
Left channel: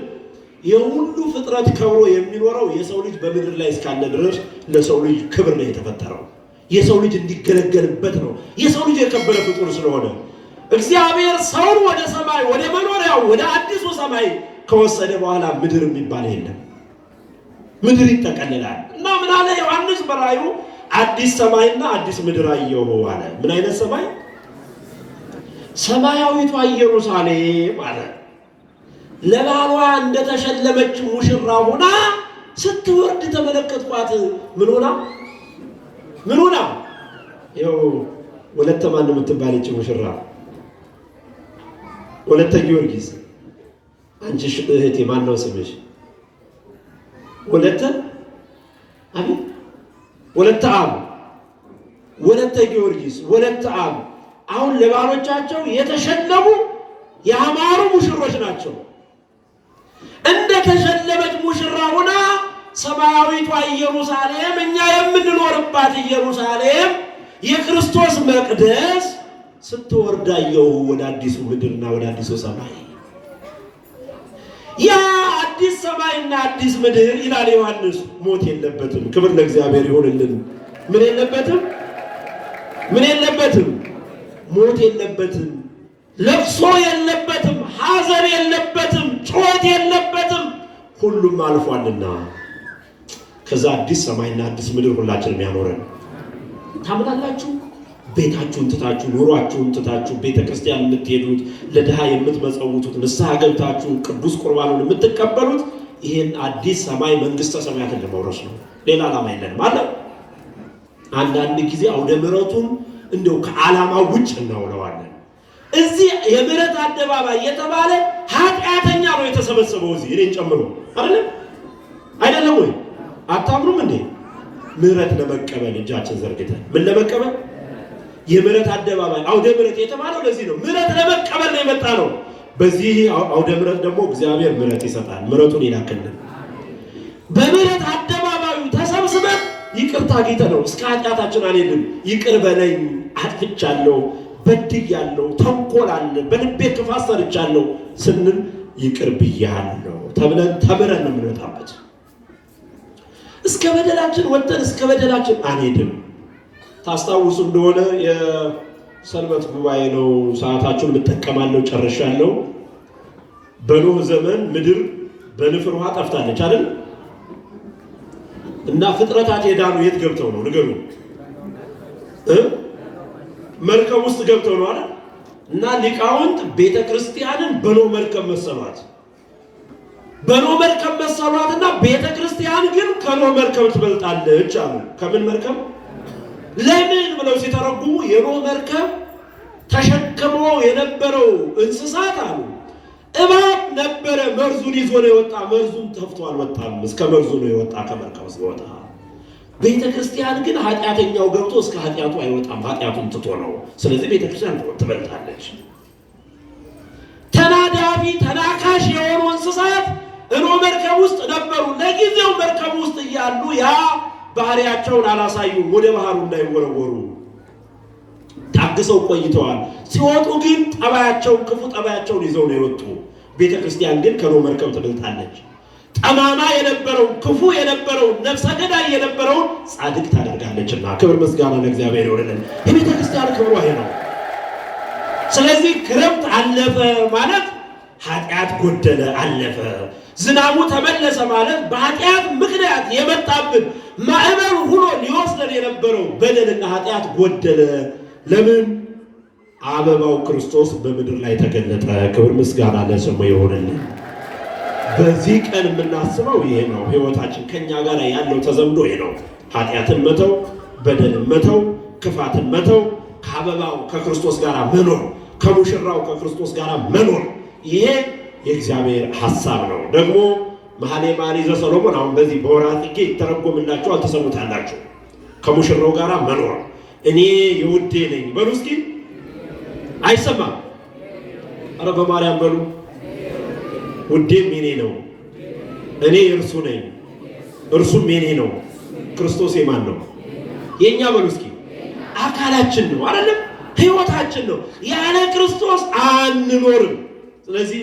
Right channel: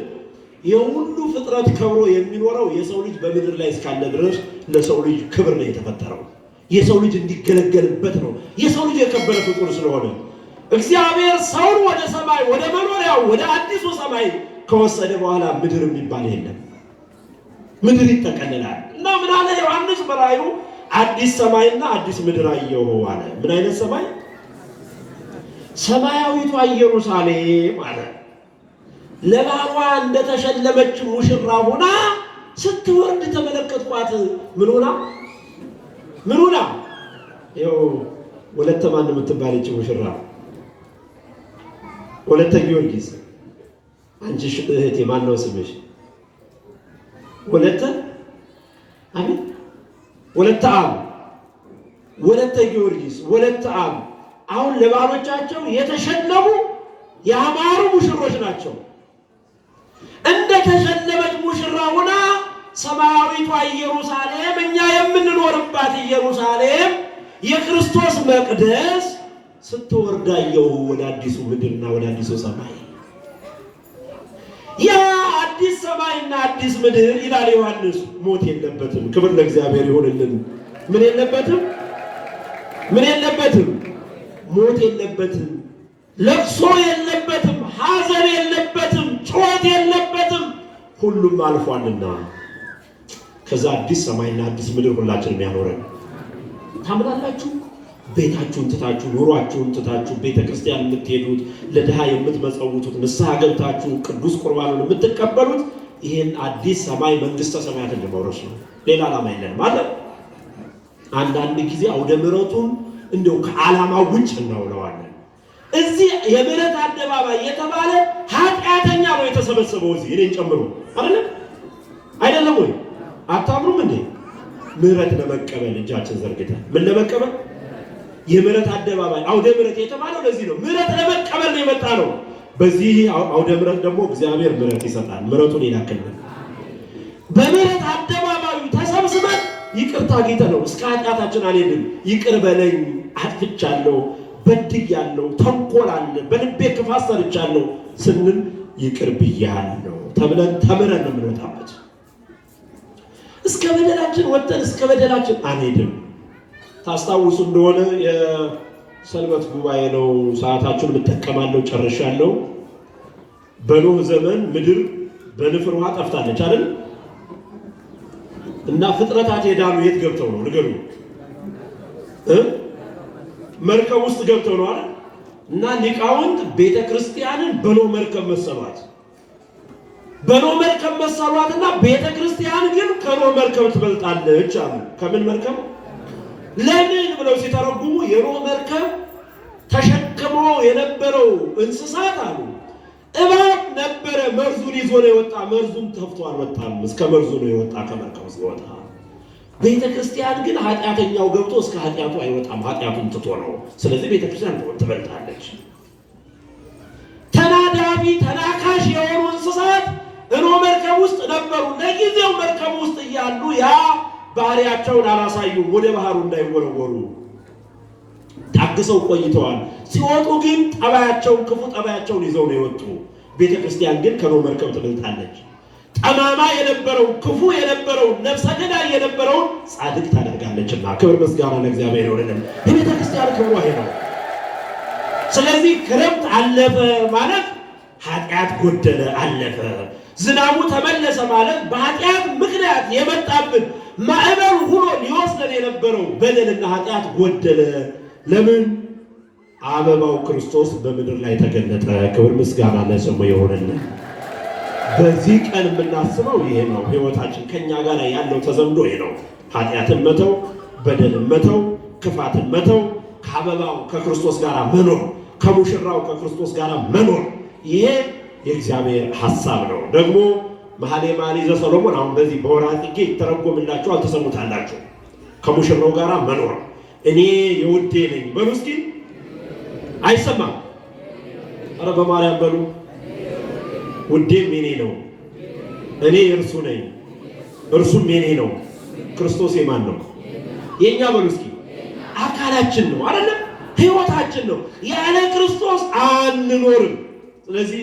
የሁሉ ፍጥረት ከብሮ የሚኖረው የሰው ልጅ በምድር ላይ እስካለ ድረስ ለሰው ልጅ ክብር ነው የተፈጠረው። የሰው ልጅ እንዲገለገልበት ነው። የሰው ልጅ የከበረ ፍጡር ስለሆነ እግዚአብሔር ሰውን ወደ ሰማይ ወደ መኖሪያው ወደ አዲሱ ሰማይ ከወሰደ በኋላ ምድር የሚባል የለም። ምድር ይጠቀልላል። እና ምን አለ ዮሐንስ በራእዩ? አዲስ ሰማይና አዲስ ምድር አየሁ አለ። ምን አይነት ሰማይ? ሰማያዊቷ ኢየሩሳሌም አለ። ለባሏ እንደተሸለመች ሙሽራ ሆና ስትወርድ ተመለከትኳት። ምን ሆና? ምን ሆና? ይኸው ወለተ ማን የምትባለች ሙሽራ ወለተ ጊዮርጊስ። አንቺ እህቴ ማን ነው ስምሽ? ወለተ አሜን። ወለተ አብ፣ ወለተ ጊዮርጊስ፣ ወለተ አብ አሁን ለባሎቻቸው የተሸለሙ ያማሩ ሙሽሮች ናቸው። እንደ ተሸለመች ሙሽራ ሆና ሰማያዊቷ ኢየሩሳሌም፣ እኛ የምንኖርባት ኢየሩሳሌም፣ የክርስቶስ መቅደስ ስትወርዳየው ወደ አዲሱ ምድርና ወደ አዲሱ ሰማይ። ያ አዲስ ሰማይና አዲስ ምድር ይላል ዮሐንስ ሞት የለበትም። ክብር ለእግዚአብሔር ይሁንልን። ምን የለበትም? ምን የለበትም? ሞት የለበትም። ለቅሶ የለበትም። ሐዘን የለበትም። ጩኸት የለበትም። ሁሉም አልፏልና ከዛ አዲስ ሰማይና አዲስ ምድር ሁላችንም ያኖረን። ታምናላችሁ? ቤታችሁን ትታችሁ ኑሯችሁን ትታችሁ ቤተክርስቲያን የምትሄዱት ለድሃ የምትመጸውቱት ንስሐ ገብታችሁ ቅዱስ ቁርባኑን የምትቀበሉት ይሄን አዲስ ሰማይ መንግስተ ሰማያትን ለመውረስ ነው። ሌላ ዓላማ የለንም አለ። አንዳንድ ጊዜ አውደ ምሕረቱን እንደው ከዓላማው ውጭ እናውለዋለን። እዚህ የምሕረት አደባባይ የተባለ ኃጢአተኛ ነው የተሰበሰበው እዚህ እኔን ጨምሮ አይደለም ወይ? አታምሩም እንዴ? ምሕረት ለመቀበል እጃችን ዘርግተን ምን ለመቀበል? የምሕረት አደባባይ አውደ ምሕረት የተባለው ለዚህ ነው። ምሕረት ለመቀበል ነው የመጣ ነው። በዚህ አውደ ምሕረት ደግሞ እግዚአብሔር ምሕረት ይሰጣል። ምሕረቱን ይላክልን። በምሕረት አደባባዩ ተሰብስበን ይቅርታ ጌታ ነው። እስከ ኃጢአታችን አልሄድም። ይቅር በለኝ አጥፍቻለሁ፣ በድያለሁ፣ ተንኮል አለ፣ በልቤ ክፋት ሰርቻለሁ ስንል ይቅር ብያለሁ ተብለን ተምረን ነው የምንወጣበት። እስከ በደላችን ወጥተን እስከ በደላችን አንሄድም። ታስታውሱ እንደሆነ የሰንበት ጉባኤ ነው። ሰዓታችሁን የምጠቀማለሁ፣ ጨርሻለሁ። በኖህ ዘመን ምድር በንፍር ውሃ ጠፍታለች አይደል? እና ፍጥረታት የዳኑ የት ገብተው ነው ንገሩ? መርከብ ውስጥ ገብተው ነው አይደል? እና ሊቃውንት ቤተክርስቲያንን በኖህ መርከብ መሰሏት። በኖህ መርከብ መሰሏትና ቤተክርስቲያን ግን ከኖህ መርከብ ትበልጣለች አሉ። ከምን መርከብ? ለምን ብለው ሲተረጉሙ የኖህ መርከብ ተሸክሞ የነበረው እንስሳት አሉ እባብ ነበረ፣ መርዙን ይዞ ነው የወጣ። መርዙን ተፍቶ አልወጣም፣ እስከ መርዙ ነው የወጣ ከመርከብ ሲወጣ። ቤተክርስቲያን ግን ኃጢአተኛው ገብቶ እስከ ኃጢአቱ አይወጣም፣ ኃጢአቱን ትቶ ነው። ስለዚህ ቤተክርስቲያን ትበልጣለች። ተናዳፊ ተናካሽ የሆኑ እንስሳት ኖህ መርከብ ውስጥ ነበሩ። ለጊዜው መርከብ ውስጥ እያሉ ያ ባህሪያቸውን አላሳዩም፣ ወደ ባህሩ እንዳይወረወሩ ታግሰው ቆይተዋል። ሲወጡ ግን ጠባያቸውን ክፉ ጠባያቸውን ይዘው ነው የወጡ። ቤተክርስቲያን ግን ከኖህ መርከብ ትበልጣለች። ጠማማ የነበረው ክፉ የነበረው ነፍሰ ገዳይ የነበረው ጻድቅ ታደርጋለችና ክብር ምስጋና ለእግዚአብሔር ይሁንልን። የቤተክርስቲያን ክብሯ ይሄ ነው። ስለዚህ ክረምት አለፈ ማለት ኃጢአት ጎደለ አለፈ። ዝናቡ ተመለሰ ማለት በኃጢአት ምክንያት የመጣብን ማዕበል ሆኖ ሊወስደን የነበረው በደልና ኃጢአት ጎደለ። ለምን? አበባው ክርስቶስ በምድር ላይ ተገለጠ። ክብር ምስጋና ለስሙ ይሁንልን። በዚህ ቀን የምናስበው ይሄ ነው። ህይወታችን ከኛ ጋር ያለው ተዘምዶ ይሄ ነው። ኃጢአትን መተው፣ በደልን መተው፣ ክፋትን መተው፣ ከአበባው ከክርስቶስ ጋር መኖር፣ ከሙሽራው ከክርስቶስ ጋር መኖር፣ ይሄ የእግዚአብሔር ሐሳብ ነው። ደግሞ መኃልየ መኃልይ ዘሰሎሞን አሁን በዚህ በወርኃ ጽጌ ይተረጎምላችኋል፣ ትሰሙታላችሁ። ከሙሽራው ጋር መኖር። እኔ የውዴ ነኝ በሉ እስኪ። አይሰማም? ኧረ በማርያም በሉ። ውዴም የኔ ነው፣ እኔ የእርሱ ነኝ፣ እርሱም የኔ ነው። ክርስቶስ የማን ነው? የእኛ በሉ እስኪ። አካላችን ነው አይደለም? ህይወታችን ነው። ያለ ክርስቶስ አንኖርም። ስለዚህ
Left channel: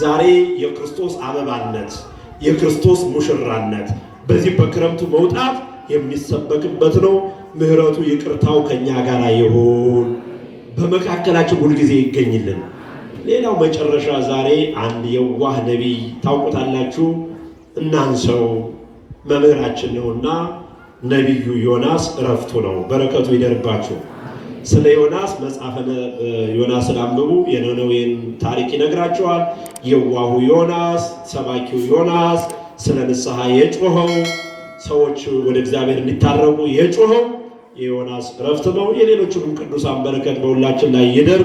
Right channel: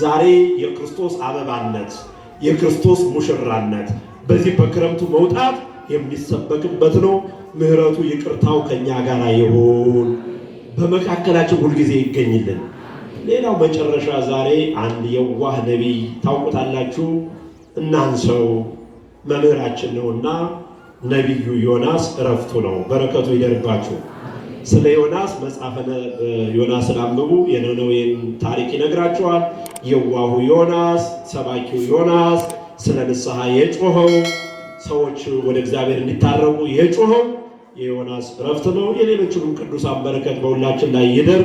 ዛሬ የክርስቶስ አበባነት የክርስቶስ ሙሽራነት በዚህ በክረምቱ መውጣት የሚሰበክበት ነው። ምሕረቱ ይቅርታው ከኛ ጋር ይሁን፣ በመካከላችን ሁልጊዜ ይገኝልን። ሌላው መጨረሻ ዛሬ አንድ የዋህ ነቢይ ታውቁታላችሁ፣ እናንሰው መምህራችን ነውና ነቢዩ ዮናስ እረፍቱ ነው። በረከቱ ይደርባችሁ። ስለ ዮናስ መጽሐፈ ዮናስን አንብቡ። የነነዌን ታሪክ ይነግራችኋል። የዋሁ ዮናስ፣ ሰባኪው ዮናስ፣ ስለ ንስሐ የጮኸው ሰዎች ወደ እግዚአብሔር እንዲታረቁ የጮኸው የዮናስ እረፍት ነው። የሌሎችንም ቅዱሳን በረከት በሁላችን ላይ ይደር።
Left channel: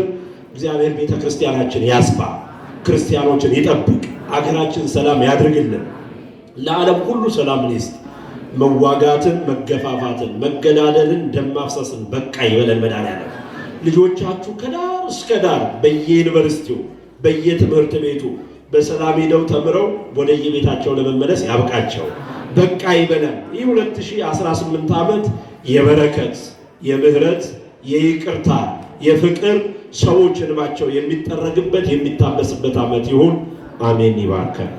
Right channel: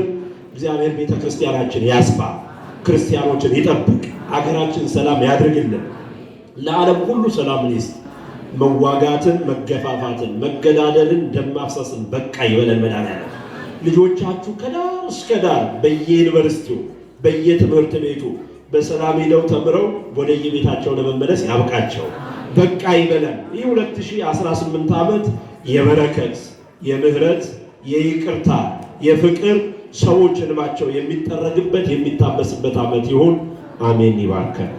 እግዚአብሔር ቤተ ክርስቲያናችን ያስፋ፣ ክርስቲያኖችን ይጠብቅ፣ አገራችን ሰላም ያድርግልን፣ ለዓለም ሁሉ ሰላምን ይስጥ። መዋጋትን፣ መገፋፋትን፣ መገዳደልን፣ ደም ማፍሰስን በቃ ይበለን። መድኃኒዓለም ልጆቻችሁ ከዳር እስከ ዳር በየዩኒቨርሲቲው በየትምህርት ቤቱ በሰላም ሄደው ተምረው ወደየቤታቸው ለመመለስ ያብቃቸው። በቃ ይበለን። ይህ 2018 ዓመት የበረከት፣ የምህረት፣ የይቅርታ፣ የፍቅር ሰዎች እንባቸው የሚጠረግበት የሚታበስበት ዓመት ይሁን። አሜን። ይባርከን።